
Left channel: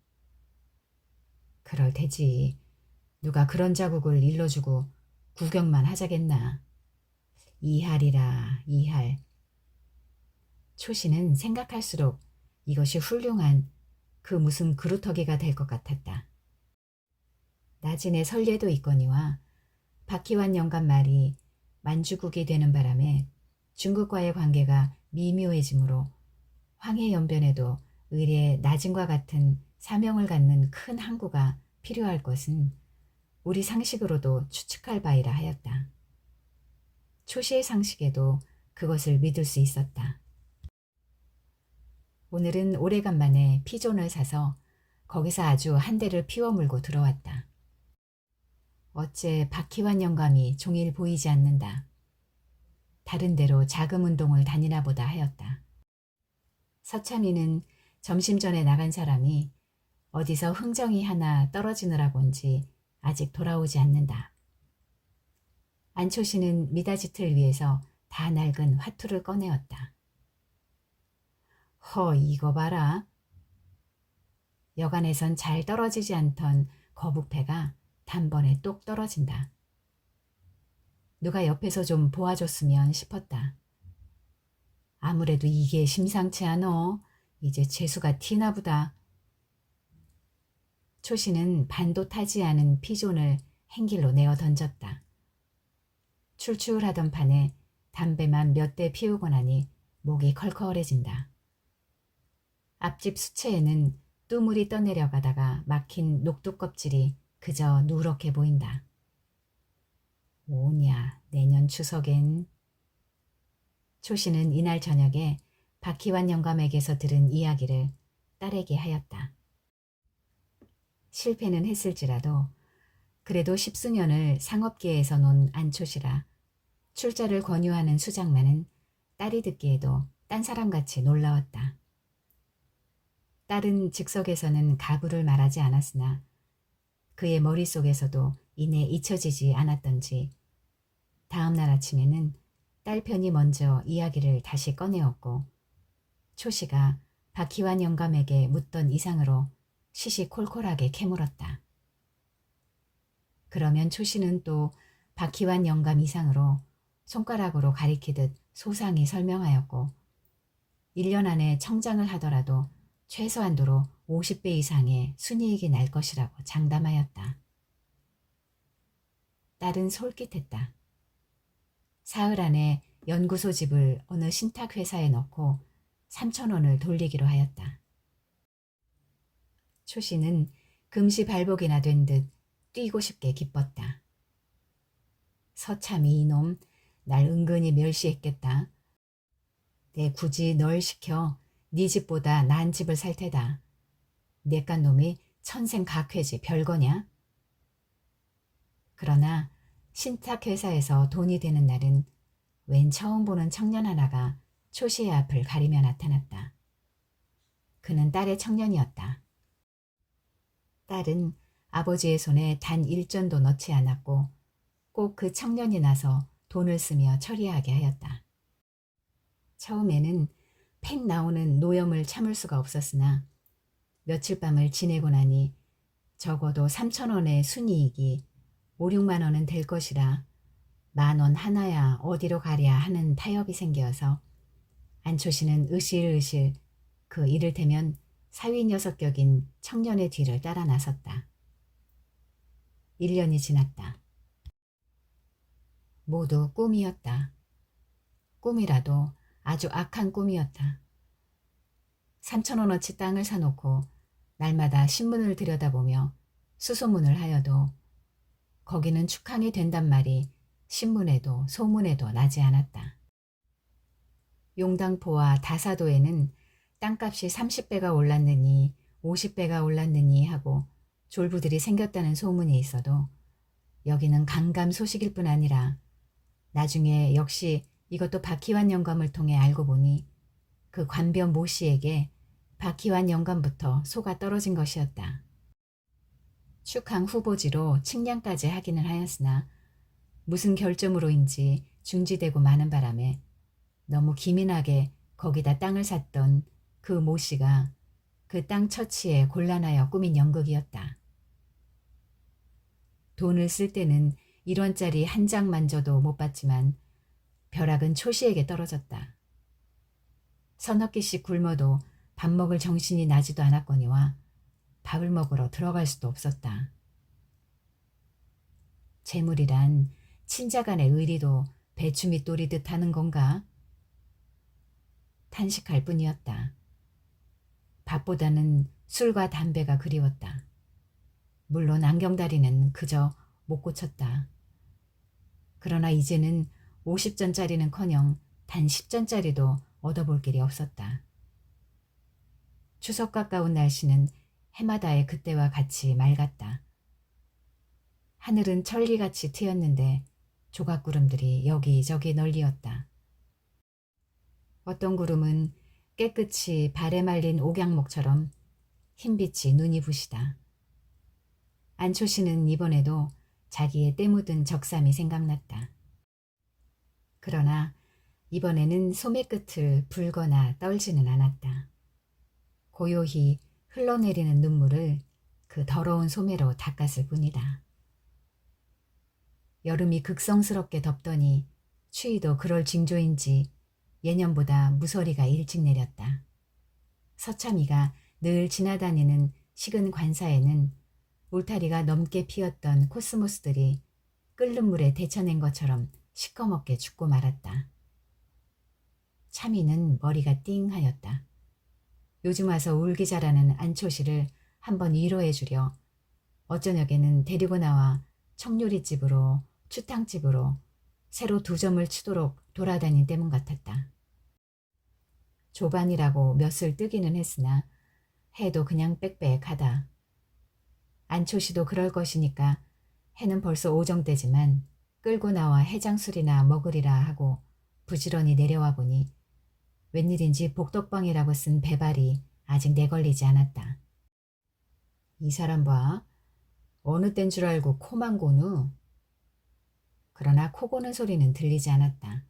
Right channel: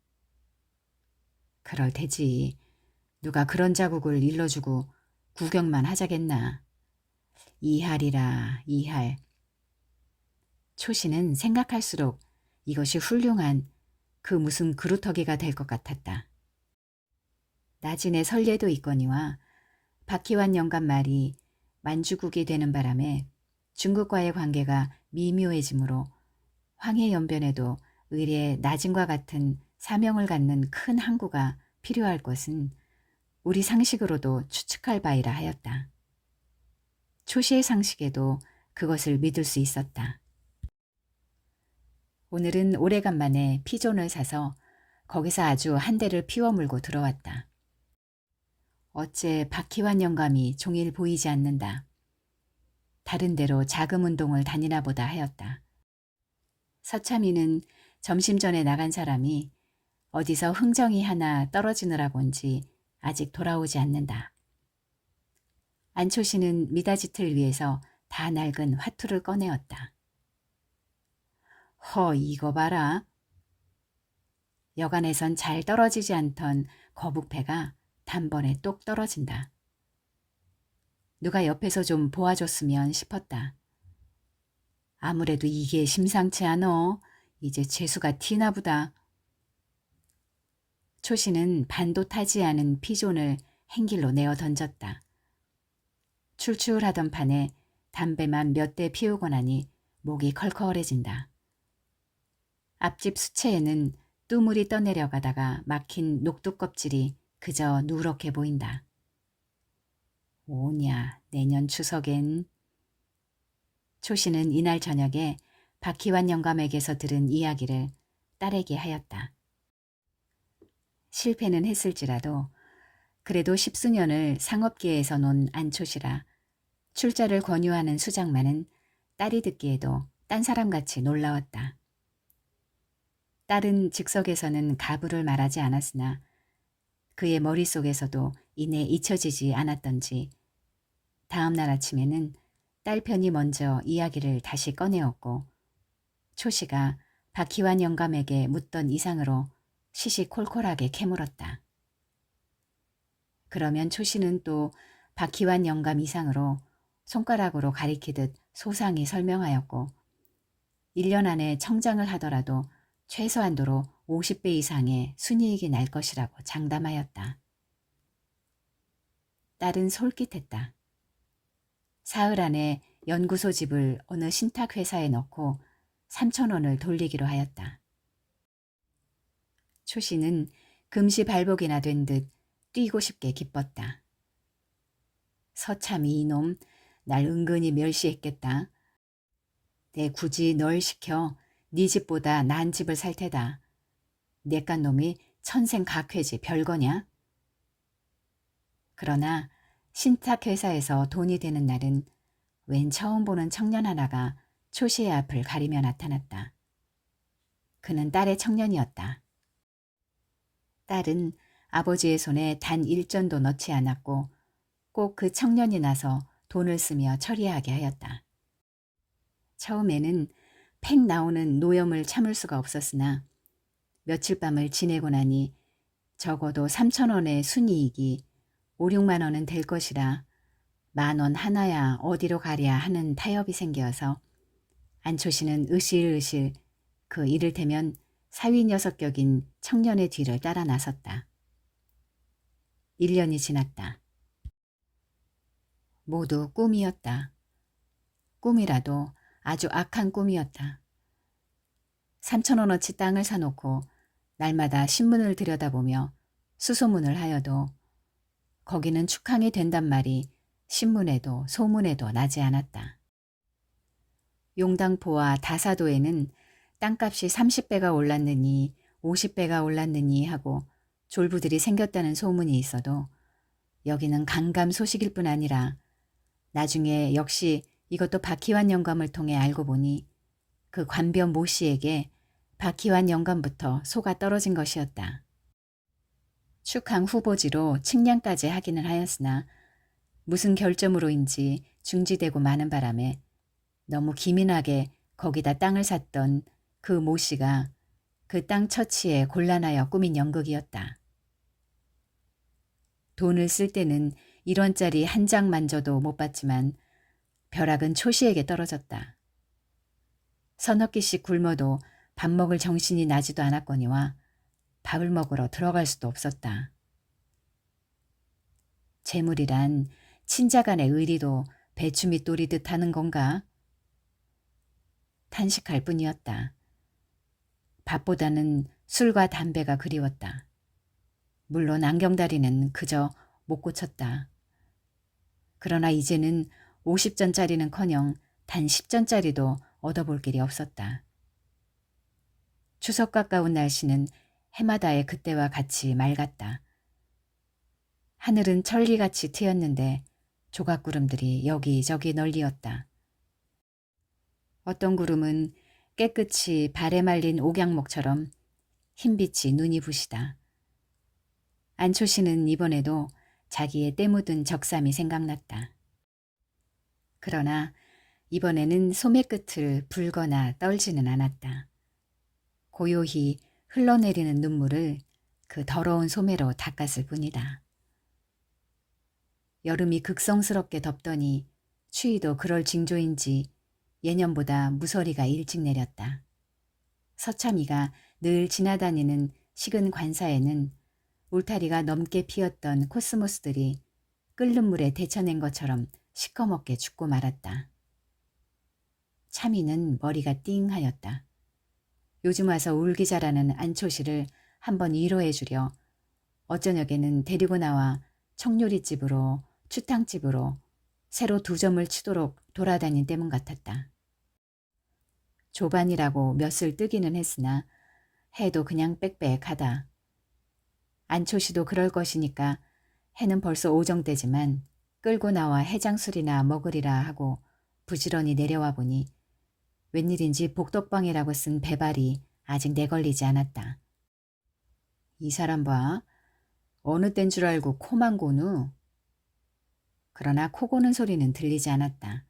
그럴 테지. 누가 그런 자국을 일러주고 구경만 하자겠나. 2할이라 2할. 초씨는 생각할수록 이것이 훌륭한 그 무슨 그루터기가 될 것 같았다. 나진의 설례도 있거니와 박희환 영감 말이 만주국이 되는 바람에 중국과의 관계가 미묘해지므로 황해연변에도 의례 나진과 같은 사명을 갖는 큰 항구가 필요할 것은 우리 상식으로도 추측할 바이라 하였다. 초시의 상식에도 그것을 믿을 수 있었다. 오늘은 오래간만에 피존을 사서 거기서 아주 한 대를 피워 물고 들어왔다. 어째 박희환 영감이 종일 보이지 않는다. 다른 데로 자금 운동을 다니나 보다 하였다. 서참이는 점심 전에 나간 사람이 어디서 흥정이 하나 떨어지느라고인지 아직 돌아오지 않는다. 안초씨는 미닫이틀 위에서 다 낡은 화투를 꺼내었다. 허, 이거 봐라. 여간에선 잘 떨어지지 않던 거북배가 단번에 똑 떨어진다. 누가 옆에서 좀 보아줬으면 싶었다. 아무래도 이게 심상치 않어. 이제 재수가 튀나 보다. 초씨는 반도 타지 않은 피존을 행길로 내어 던졌다. 출출하던 판에 담배만 몇 대 피우고 나니 목이 컬컬해진다. 앞집 수채에는 뚜물이 떠내려가다가 막힌 녹두 껍질이 그저 누렇게 보인다. 오냐, 내년 추석엔. 초씨는 이날 저녁에 박희환 영감에게서 들은 이야기를 딸에게 하였다. 실패는 했을지라도 그래도 십수년을 상업계에서 논 안초시라 출자를 권유하는 수장만은 딸이 듣기에도 딴 사람같이 놀라웠다. 딸은 즉석에서는 가부를 말하지 않았으나 그의 머릿속에서도 이내 잊혀지지 않았던지 다음 날 아침에는 딸 편이 먼저 이야기를 다시 꺼내었고 초씨가 박희환 영감에게 묻던 이상으로 시시콜콜하게 캐물었다. 그러면 초씨는 또 박희환 영감 이상으로 손가락으로 가리키듯 소상히 설명하였고 1년 안에 청장을 하더라도 최소한도로 50배 이상의 순이익이 날 것이라고 장담하였다. 딸은 솔깃했다. 사흘 안에 연구소 집을 어느 신탁회사에 넣고 3,000원을 돌리기로 하였다. 초씨는 금시 발복이나 된 듯 뛰고 싶게 기뻤다. 서참이 이놈 날 은근히 멸시했겠다. 내 굳이 널 시켜 네 집보다 난 집을 살 테다. 내깟 놈이 천생각회지 별거냐? 그러나 신탁회사에서 돈이 되는 날은 웬 처음 보는 청년 하나가 초씨의 앞을 가리며 나타났다. 그는 딸의 청년이었다. 딸은 아버지의 손에 단 일전도 넣지 않았고 꼭 그 청년이 나서 돈을 쓰며 처리하게 하였다. 처음에는 팽 나오는 노염을 참을 수가 없었으나 며칠 밤을 지내고 나니 적어도 3,000원의 순이익이 5, 6만 원은 될 것이라 10,000원 하나야 어디로 가랴 하는 타협이 생겨서 안초씨는 으실으실 그 이를테면 사위 녀석격인 청년의 뒤를 따라 나섰다. 1년이 지났다. 모두 꿈이었다. 꿈이라도 아주 악한 꿈이었다. 3,000원어치 땅을 사놓고 날마다 신문을 들여다보며 수소문을 하여도 거기는 축항이 된단 말이 신문에도 소문에도 나지 않았다. 용당포와 다사도에는 땅값이 30배가 올랐느니 50배가 올랐느니 하고 졸부들이 생겼다는 소문이 있어도 여기는 간감 소식일 뿐 아니라 나중에 역시 이것도 박희환 영감을 통해 알고 보니 그 관변 모 씨에게 박희환 영감부터 소가 떨어진 것이었다. 축항 후보지로 측량까지 하기는 하였으나 무슨 결점으로인지 중지되고 마는 바람에 너무 기민하게 거기다 땅을 샀던 그 모 씨가 그 땅 처치에 곤란하여 꾸민 연극이었다. 돈을 쓸 때는 1원짜리 한 장만져도 못 받지만 벼락은 초씨에게 떨어졌다. 서너 끼씩 굶어도 밥 먹을 정신이 나지도 않았거니와 밥을 먹으러 들어갈 수도 없었다. 재물이란 친자간의 의리도 배추 밑돌이듯 하는 건가? 탄식할 뿐이었다. 밥보다는 술과 담배가 그리웠다. 물론 안경다리는 그저 못 고쳤다. 그러나 이제는 50전짜리는커녕 단 10전짜리도 얻어볼 길이 없었다. 추석 가까운 날씨는 해마다의 그때와 같이 맑았다. 하늘은 천리같이 트였는데 조각구름들이 여기저기 널리었다. 어떤 구름은 깨끗이 발에 말린 옥양목처럼 흰빛이 눈이 부시다. 안초씨는 이번에도 자기의 때 묻은 적삼이 생각났다. 그러나 이번에는 소매 끝을 불거나 떨지는 않았다. 고요히 흘러내리는 눈물을 그 더러운 소매로 닦았을 뿐이다. 여름이 극성스럽게 덥더니 추위도 그럴 징조인지 예년보다 무서리가 일찍 내렸다. 서참이가 늘 지나다니는 식은 관사에는 울타리가 넘게 피었던 코스모스들이 끓는 물에 데쳐낸 것처럼 시커멓게 죽고 말았다. 참이는 머리가 띵하였다. 요즘 와서 울기 잘하는 안초시를 한번 위로해 주려 어저녁에는 데리고 나와 청요리집으로 추탕집으로 새로 2점을 치도록 돌아다닌 때문 같았다. 조반이라고 몇을 뜨기는 했으나 해도 그냥 빽빽하다. 안초시도 그럴 것이니까 해는 벌써 오정때지만 끌고 나와 해장술이나 먹으리라 하고 부지런히 내려와 보니 웬일인지 복덕방이라고 쓴 배발이 아직 내걸리지 않았다. 이 사람 봐. 어느 땐 줄 알고 코만 고누. 그러나 코 고는 소리는 들리지 않았다.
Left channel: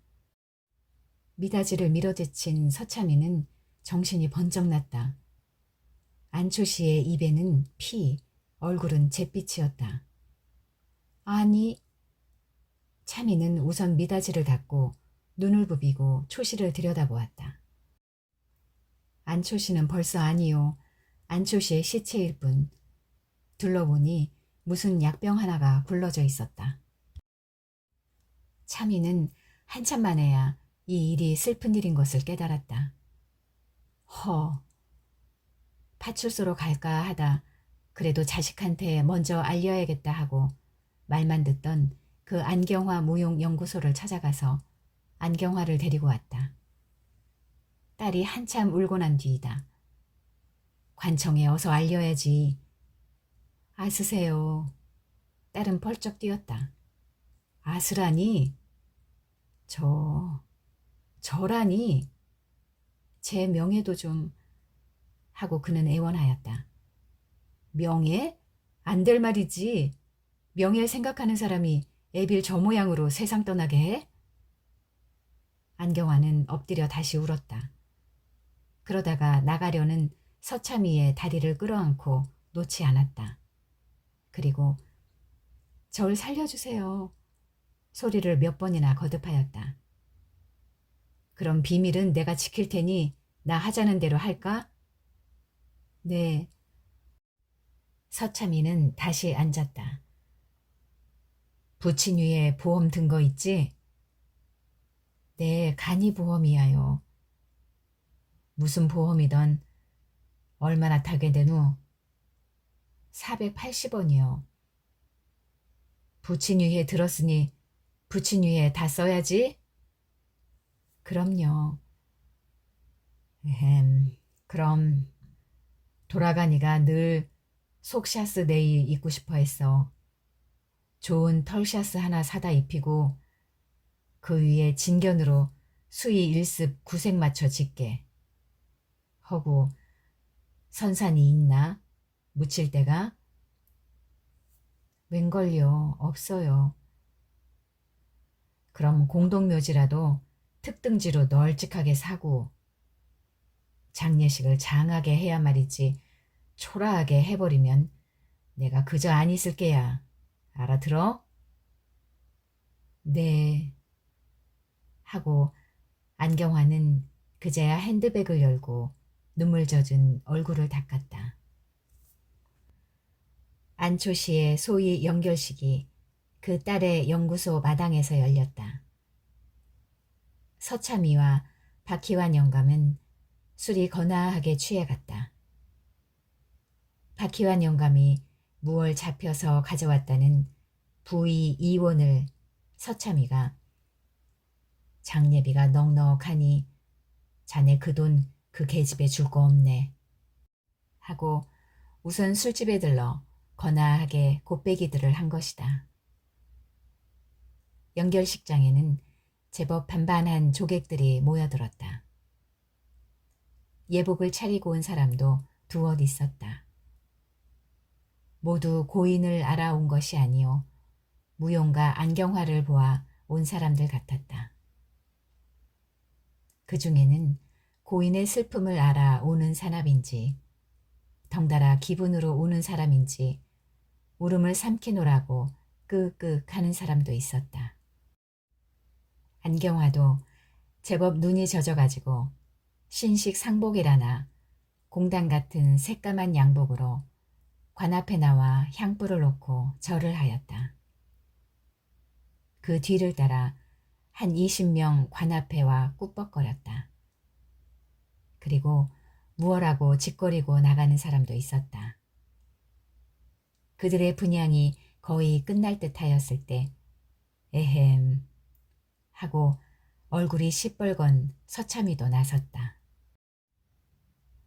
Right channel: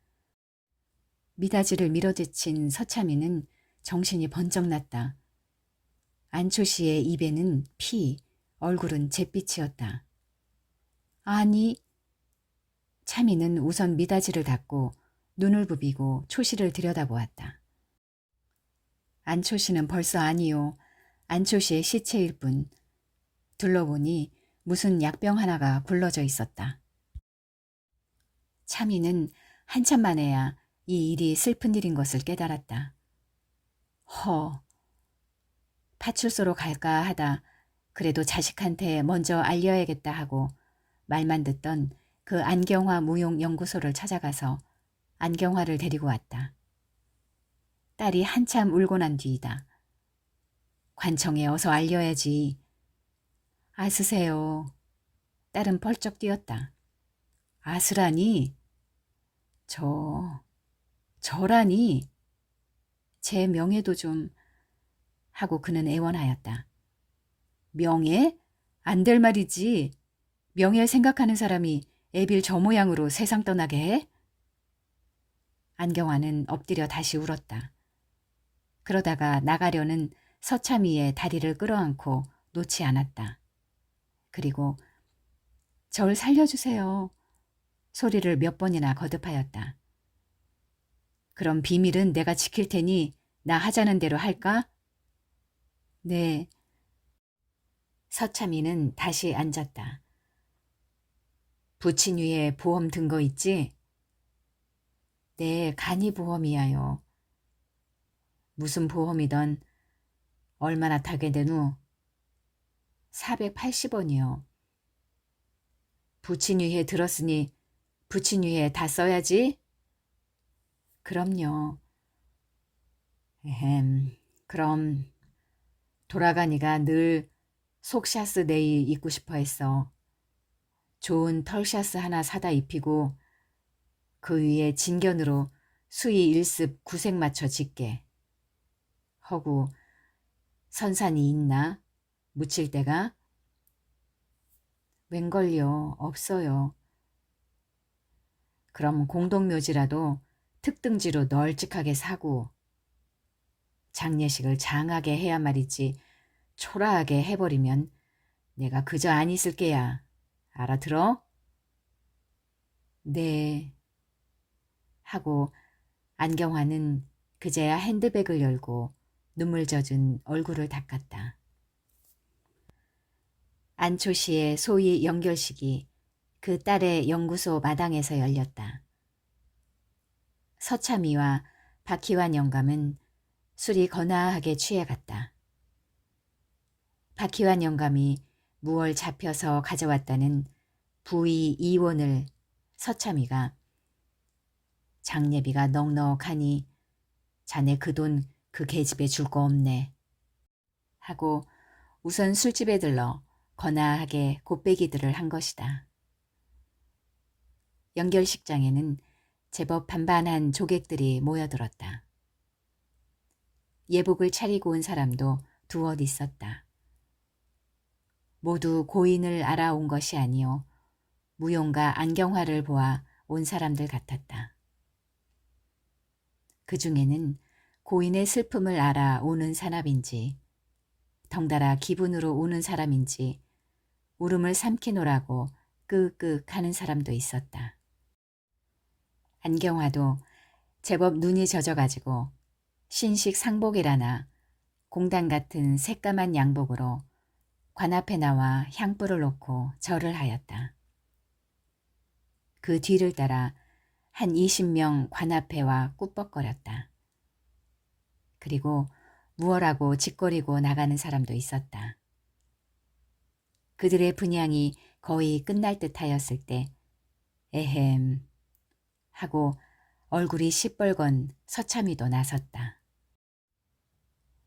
미닫이를 밀어제친 서참이는 정신이 번쩍 났다. 안초시의 입에는 피, 얼굴은 잿빛이었다. 아니, 참이는 우선 미닫이를 닫고 눈을 부비고 초시를 들여다보았다. 안초시는 벌써 아니요. 안초시의 시체일 뿐. 둘러보니 무슨 약병 하나가 굴러져 있었다. 참이는 한참 만에야 이 일이 슬픈 일인 것을 깨달았다. 파출소로 갈까 하다 그래도 자식한테 먼저 알려야겠다 하고 말만 듣던 그 안경화 무용연구소를 찾아가서 안경화를 데리고 왔다. 딸이 한참 울고 난 뒤이다. 관청에 어서 알려야지. 아스세요. 딸은 펄쩍 뛰었다. 아스라니? 저라니? 제 명예도 좀... 하고 그는 애원하였다. 명예? 안 될 말이지. 명예를 생각하는 사람이 애빌 저 모양으로 세상 떠나게 해? 안경화는 엎드려 다시 울었다. 그러다가 나가려는 서참이의 다리를 끌어안고 놓지 않았다. 그리고 저를 살려주세요. 소리를 몇 번이나 거듭하였다. 그럼 비밀은 내가 지킬 테니 나 하자는 대로 할까? 네. 서참이는 다시 앉았다. 부친 위에 보험 든 거 있지? 네, 간이보험이야요. 무슨 보험이던 얼마나 타게 되누? 480원이요. 부친 위에 들었으니 부친 위에 다 써야지? 그럼요. 그럼 돌아가니가 늘 속샤스 네일 입고 싶어 했어. 좋은 털샤스 하나 사다 입히고 그 위에 진견으로 수의 1습 구색 맞춰 짓게. 허구 선산이 있나? 묻힐 데가? 웬걸요? 없어요. 그럼 공동묘지라도 특등지로 널찍하게 사고 장례식을 장하게 해야 말이지 초라하게 해버리면 내가 그저 안 있을 게야. 알아들어? 네. 하고 안경화는 그제야 핸드백을 열고 눈물 젖은 얼굴을 닦았다. 안초시의 소위 연결식이 그 딸의 연구소 마당에서 열렸다. 서참이와 박희환 영감은 술이 거나하게 취해갔다. 박희환 영감이 무얼 잡혀서 가져왔다는 부의 2원을 서참이가 장례비가 넉넉하니 자네 그 돈 그 계집에 줄 거 없네 하고 우선 술집에 들러 거나하게 곱빼기들을 한 것이다. 연결식장에는 제법 반반한 조객들이 모여들었다. 예복을 차리고 온 사람도 두엇 있었다. 모두 고인을 알아온 것이 아니오 무용과 안경화를 보아 온 사람들 같았다. 그 중에는 고인의 슬픔을 알아 오는 사납인지 덩달아 기분으로 우는 사람인지 울음을 삼키노라고 끄끄 하는 사람도 있었다. 안경화도 제법 눈이 젖어가지고 신식 상복이라나 공단 같은 새까만 양복으로 관 앞에 나와 향불을 놓고 절을 하였다. 그 뒤를 따라 한 20명 관 앞에와 꾸벅거렸다. 그리고 무얼하고 짓거리고 나가는 사람도 있었다. 그들의 분향이 거의 끝날 듯 하였을 때 에헴 하고 얼굴이 시뻘건 서참이도 나섰다.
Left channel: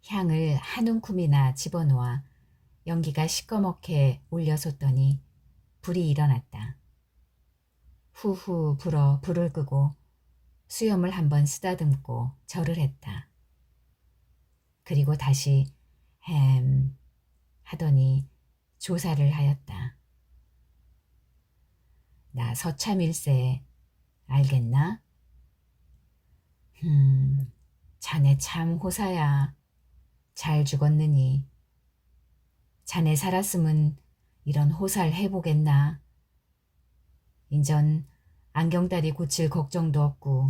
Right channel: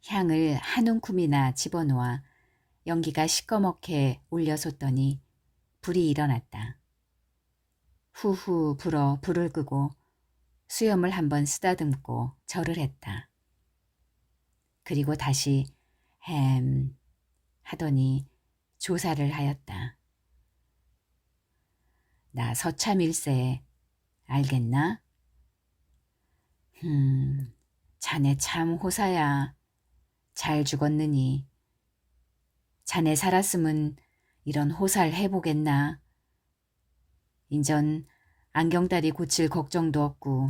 향을 한 움큼이나 집어놓아 연기가 시꺼멓게 올려솟더니 불이 일어났다. 후후 불어 불을 끄고 수염을 한번 쓰다듬고 절을 했다. 그리고 다시 햄 하더니 조사를 하였다. 나 서참일세 알겠나? 자네 참 호사야. 잘 죽었느니. 자네 살았으면 이런 호사를 해보겠나? 인전 안경다리 고칠 걱정도 없고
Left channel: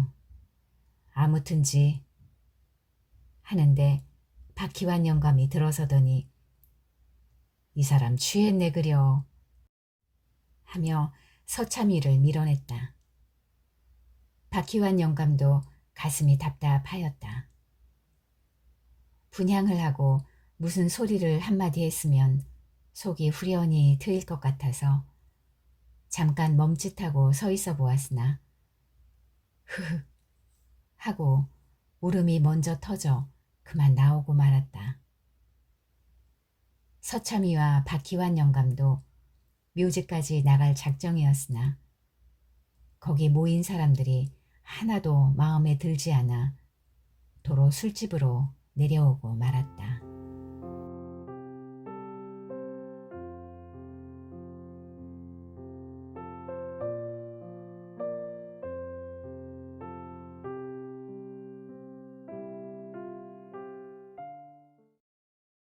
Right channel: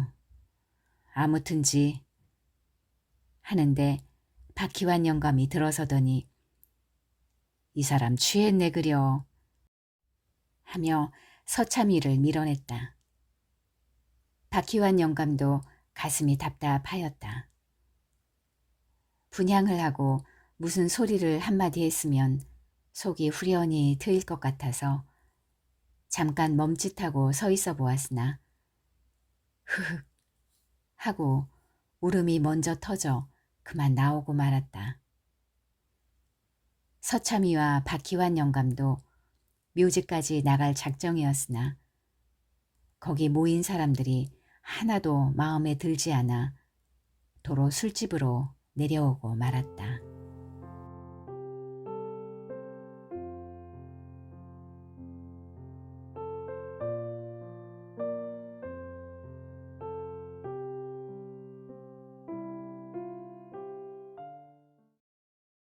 아무튼지 하는데 박희환 영감이 들어서더니 이 사람 취했네 그려 하며 서참이를 밀어냈다. 박희환 영감도 가슴이 답답하였다. 분향을 하고 무슨 소리를 한마디 했으면 속이 후련히 트일 것 같아서 잠깐 멈칫하고 서 있어 보았으나 흐흑 하고 울음이 먼저 터져 그만 나오고 말았다. 서참이와 박희환 영감도 묘지까지 나갈 작정이었으나 거기 모인 사람들이 하나도 마음에 들지 않아 도로 술집으로 내려오고 말았다.